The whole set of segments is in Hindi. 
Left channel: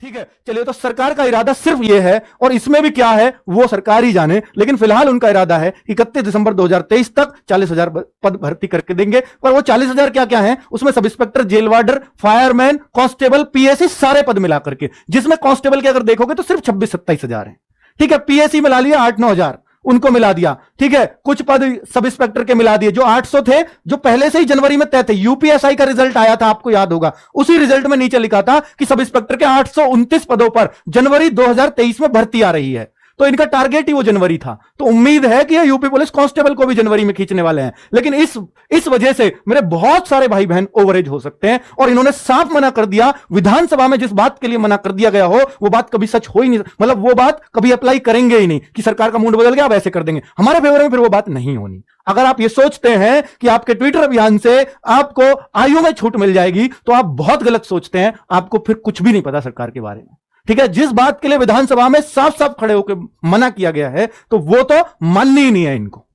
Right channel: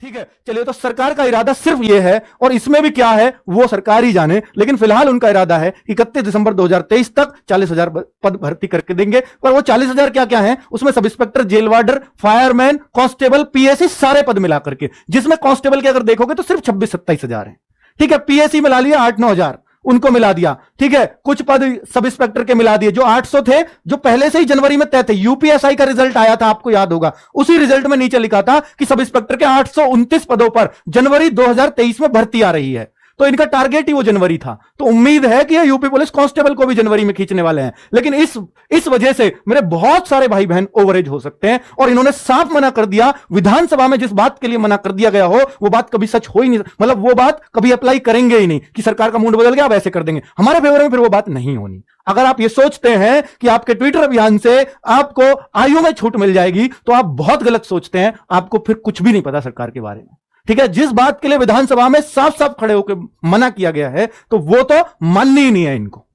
ठीक है, चलिए, तो सरकार का इरादा सिर्फ ये है, और इसमें भी क्या है वो सरकार ही जाने, लेकिन फिलहाल उनका इरादा है 31 दिसंबर 2023 तक 40,000 पद भर्ती करके देंगे। पर वो 40,000 क्या क्या है, उसमें सब inspector, jail warder, fireman, constable, PSC सारे पद मिला करके, जिसमें कांस्टेबल के अगर देखोगे तो सिर्फ 26-27 है। ठीक है, पीएससी मिला लिया 8-9 हजार, उनको मिला दिया। ठीक है, कुछ पद सब इंस्पेक्टर के मिला दिए, जो 800 थे, जो पहले से ही जनवरी में तय थे। यूपीएसआई का रिजल्ट आया था, आपको याद होगा, उसी रिजल्ट में नीचे लिखा था कि सब इंस्पेक्टर के 829 पदों पर जनवरी 2023 में भर्ती आ रही है। तो इनका टारगेट ही वो जनवरी था। तो उम्मीद है कि यूपी पुलिस कांस्टेबल को भी जनवरी में खींचने वाले हैं। लेकिन इस वजह से मेरे बहुत सारे भाई बहन ओवरेज हो सकते हैं, और इन्होंने साफ मना कर दिया। विधानसभा में जिस बात के लिए मना कर दिया गया हो, वो बात कभी सच हो ही नहीं, मतलब वो बात कभी अप्लाई करेंगे ही नहीं कि सरकार का मूड बदल गया, अब ऐसे कर देंगे हमारे फेवर में, फिर वो बात नहीं होनी। अगर आप ये सोचते हैं कि आपके ट्विटर अभियान से आपको आयु में छूट मिल जाएगी, तो आप बहुत गलत सोचते हैं। आपको फिर कुछ भी नहीं पता सरकार के बारे में। ठीक है, जिस बात के लिए विधानसभा में साफ साफ खड़े होकर मना किया गया है, तो वो तो माननी ही नहीं है इनको।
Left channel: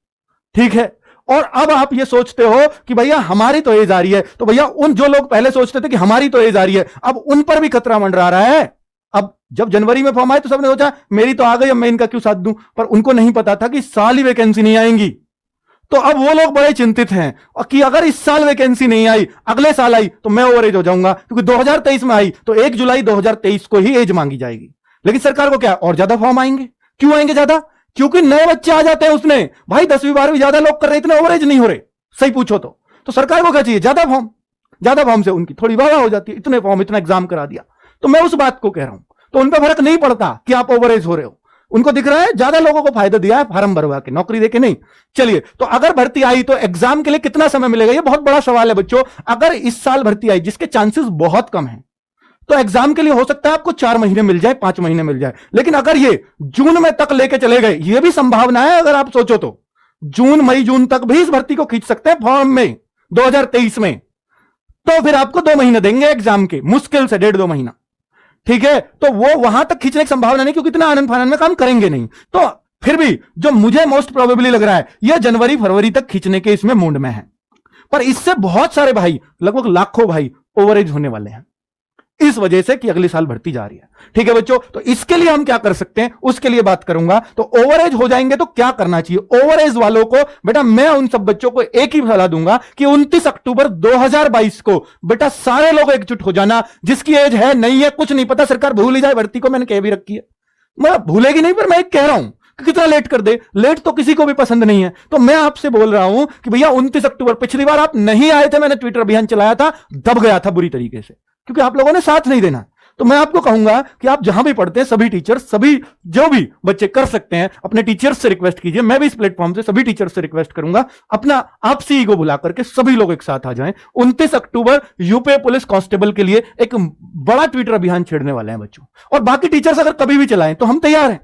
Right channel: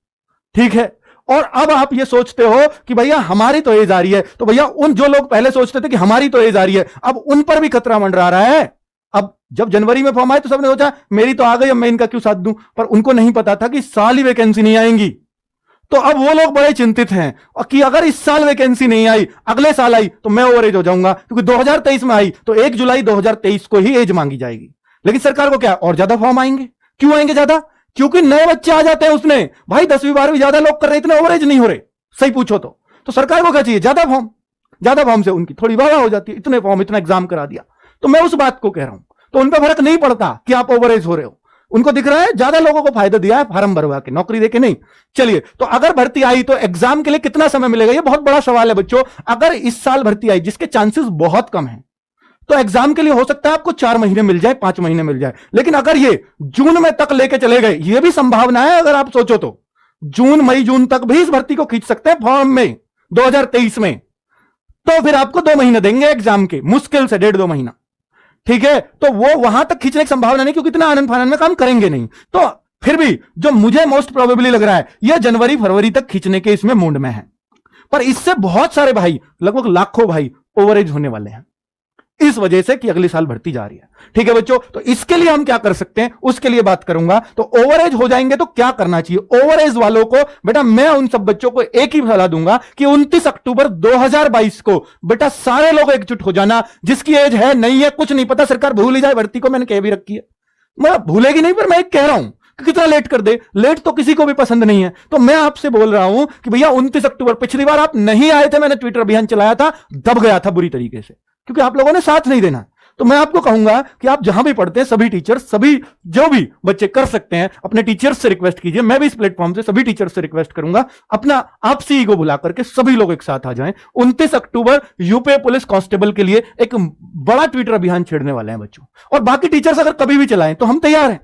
ठीक है, और अब आप ये सोचते हो कि भैया हमारी तो एज आ रही है, तो भैया उन जो लोग पहले सोचते थे कि हमारी तो एज आ रही है, अब उन पर भी खतरा मंडरा रहा है। अब जब जनवरी में फॉर्म आए तो सबने सोचा मेरी तो आ गई, अब मैं इनका क्यों साथ दूं, पर उनको नहीं पता था कि साल ही वैकेंसी नहीं आएंगी। तो अब वो लोग बड़े चिंतित हैं और कि अगर इस साल वैकेंसी नहीं आई, अगले साल आई, तो मैं ओवर एज हो जाऊंगा, क्योंकि 2023 में आई तो 1 जुलाई 2023 को ही एज मांगी जाएगी। लेकिन सरकार को क्या और ज्यादा फॉर्म आएंगे? क्यों आएंगे ज्यादा? क्योंकि नए बच्चे आ जाते हैं उसमें। भाई 10वीं 12वीं ज्यादा लोग कर रहे, इतने ओवर एज नहीं हो रहे। सही पूछो तो सरकार को क्या चाहिए? ज्यादा फॉर्म से उनकी थोड़ी वाह हो जाती है, इतने फॉर्म, इतना एग्जाम करा दिया। तो मैं उस बात को कह रहा हूं, तो उन पर फर्क नहीं पड़ता कि आप ओवर एज हो रहे हो। उनको दिख रहा है ज्यादा लोगों को फायदा दिया है फार्म भरवा के, नौकरी देके नहीं। चलिए, तो अगर भर्ती आई तो एग्जाम के लिए कितना समय मिलेगा? ये बहुत बड़ा सवाल है बच्चों। अगर इस साल भर्ती आई, जिसके चांसेस बहुत कम हैं, तो एग्जाम के लिए हो सकता है आपको 4 महीने मिल जाए, 5 महीने मिल जाए। लेकिन अगर ये जून में तक लेके चले गए, ये भी संभावना है। अगर आप सोचो तो जून तक भी इस भर्ती को खींच सकते हैं फॉर्म में 2023 में। तो फिर आपको 2 महीने देंगे एग्जाम के, मुश्किल से 1.5-2 महीना। ठीक है, तो वो वहां तक खींचने की संभावना नहीं, क्योंकि इतना आनंद फानंद में काम करेंगे नहीं। तो फिर भी जो मुझे मोस्ट प्रोबेबली लग रहा है, यह जनवरी फरवरी तक खींचने के इसमें मूड में है। पर इससे बहुत सारे भाई, लगभग लाखों भाई ओवरेज होने वाले हैं, इस वजह से कि अगले साल भर्ती जा रही है। ठीक है बच्चों, तो इसके लिए हम क्या कर सकते हैं उसके लिए बात करूंगा। तो ओवरेज हो जाएंगे तो क्या करना चाहिए ओवरेज वालों को? बेटा मैं उन सब बच्चों को एक ही सलाह दूंगा कि 29 अक्टूबर 2022 को बेटा सारे लोग एकजुट हो जाना। जिसकी एज है नहीं है, कुछ नहीं पता, सरकार भूल ही जाए भर्ती को, मैंने कह भी रखी है। मैं भूलेगी नहीं, पर मैं एक कह रहा हूं कि कितना लेट कर दे, लेट तो किसी को भी पसंद नहीं है। तो मैं आपसे बोल रहा हूं कि भैया 29 अक्टूबर, पिछली बार आप नहीं आए थे, मैंने ट्विटर अभियान चलाया था, दब गया था बुरी तरीके से, क्योंकि आप लोगों ने साथ नहीं देना। तो मैं आपको कहूंगा कि आप जहां भी पढ़ते हैं, सभी टीचर, सभी जो भी बच्चे कर सकते हैं, अपने टीचर्स से रिक्वेस्ट कीजिए। मैं भी इस प्लेटफॉर्म से सभी टीचर्स से रिक्वेस्ट करूंगा, अपना आपसी को बुला करके सभी लोग एक साथ आ जाएं। 29 अक्टूबर यूपी पुलिस कांस्टेबल के लिए एक बड़ा ट्विटर अभियान छेड़ने वाले हैं बच्चों। और बाकी टीचर्स अगर कभी भी चलाएं तो हम तैयार हैं,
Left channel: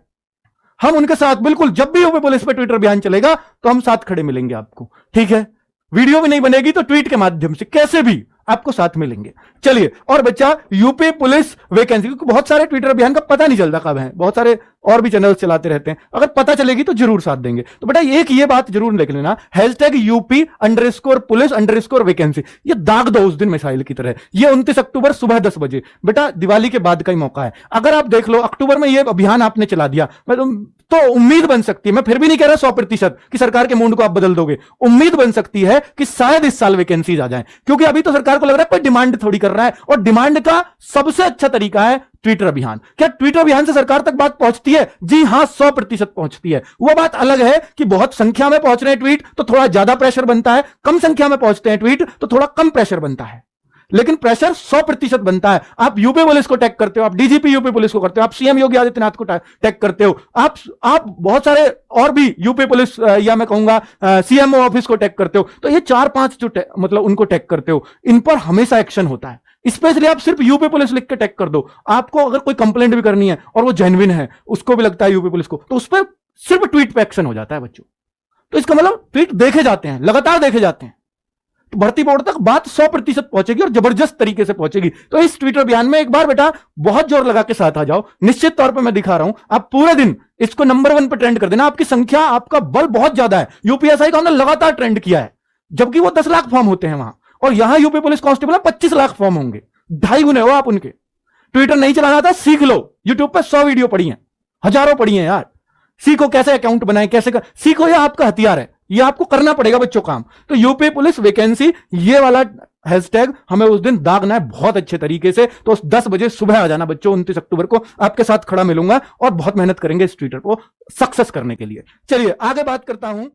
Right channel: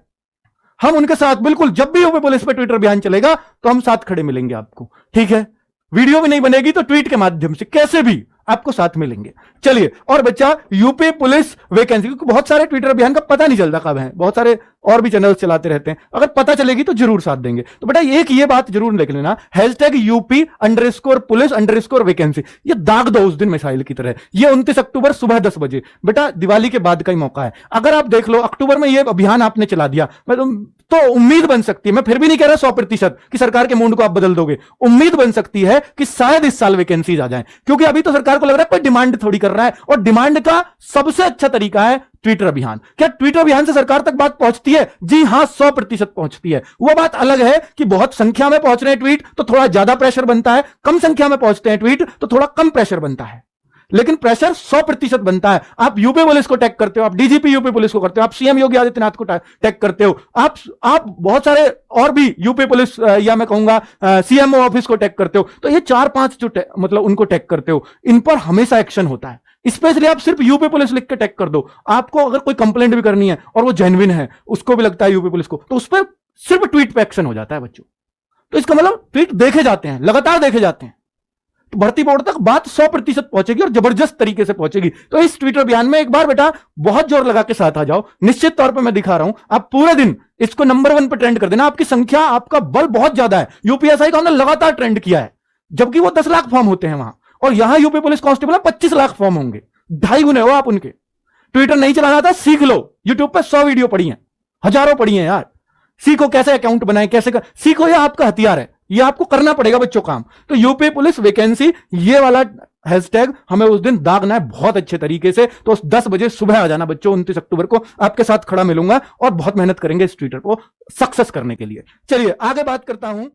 हम उनके साथ बिल्कुल, जब भी यूपी पुलिस पे ट्विटर अभियान चलेगा तो हम साथ खड़े मिलेंगे आपको। ठीक है, वीडियो भी नहीं बनेगी तो ट्वीट के माध्यम से कैसे भी आपको साथ मिलेंगे। चलिए, और बच्चा यूपी पुलिस वैकेंसी, बहुत सारे ट्विटर अभियान का पता नहीं चलता कब है, बहुत सारे और भी चैनल चलाते रहते हैं, अगर पता चलेगी तो जरूर साथ देंगे। तो बेटा एक ये बात जरूर लिख लेना, #UP_पुलिस_वैकेंसी, ये दाग दो उस दिन मिसाइल की तरह। ये 29 अक्टूबर सुबह 10 बजे, बेटा दिवाली के बाद का ही मौका है। अगर आप देख लो अक्टूबर में ये अभियान आपने चला दिया, तो उम्मीद बन सकती है, मैं फिर भी नहीं कह रहा 100% कि सरकार के मूड को आप बदल दोगे, उम्मीद बन सकती है कि शायद इस साल वैकेंसीज आ जाए। क्योंकि अभी तो सरकार को लग रहा है कोई डिमांड थोड़ी कर रहा है, और डिमांड का सबसे अच्छा तरीका है ट्विटर अभियान। क्या ट्विटर अभियान से सरकार तक बात पहुंचती है? जी हां, 100% पहुंचती है। वो बात अलग है कि बहुत संख्या में पहुंच रहे हैं ट्वीट तो थोड़ा ज्यादा प्रेशर बनता है, कम संख्या में पहुंचते हैं ट्वीट तो थोड़ा कम प्रेशर बनता है, लेकिन प्रेशर 100% बनता है। आप यूपी पुलिस को टैग करते हो, आप डीजीपी यूपी पुलिस को करते हो, आप सीएम योगी आदित्यनाथ को टैग करते हो, आप बहुत सारे और भी यूपी पुलिस या मैं कहूंगा सीएमओ ऑफिस को टैग करते हो। तो ये 4-5 जो मतलब उनको टैग करते हो, इन पर हमेशा एक्शन होता है। स्पेशली आप सिर्फ यूपी पुलिस लिख के टैग कर दो, आपको अगर कोई कंप्लेंट भी करनी है और वो जेन्युइन है, उसको भी लगता है यूपी पुलिस को, तो उस पर सिर्फ ट्वीट पे एक्शन हो जाता है बच्चों। तो इसका मतलब ट्वीट देखे जाते हैं, लगातार देखे जाते हैं, तो भर्ती बोर्ड तक बात 100% पहुंचेगी और जबरदस्त तरीके से पहुंचेगी। तो इस ट्विटर अभियान में एक बार बेटा बहुत जोर लगा के साथ आ जाओ। निश्चित तौर पर मैं दिखा रहा हूं, आप पूरे दिन इसको नंबर 1 पर ट्रेंड कर देना। आपकी संख्या, आपका बल बहुत ज्यादा है। यूपीएसआई का हमने लगातार ट्रेंड किया है, जबकि वो 10 लाख फॉर्म होते हैं वहां, और यहां UP police constable 25 lakh form होंगे, 2.5 गुने हो आप उनके। ट्विटर नहीं चलाना था, सीख लो। यूट्यूब पे 100 वीडियो पड़ी हैं, हजारों पड़ी हैं यार। सीखो कैसे अकाउंट बनाए, कैसे सीखो, ये आपका हथियार है, ये आपको करना पड़ेगा बच्चों काम। तो यूपी पुलिस वैकेंसी, ये वाला हैशटैग हमें उस दिन दागना है बहुत अच्छे तरीके से। तो 10 बजे सुबह आ जाना बच्चों, 29 अक्टूबर को आपके साथ खड़ा मिलूंगा और बहुत मेहनत करेंगे इस ट्विटर को सक्सेस करने के लिए। चलिए आगे बात करता हूं।